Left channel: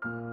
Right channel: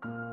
thank you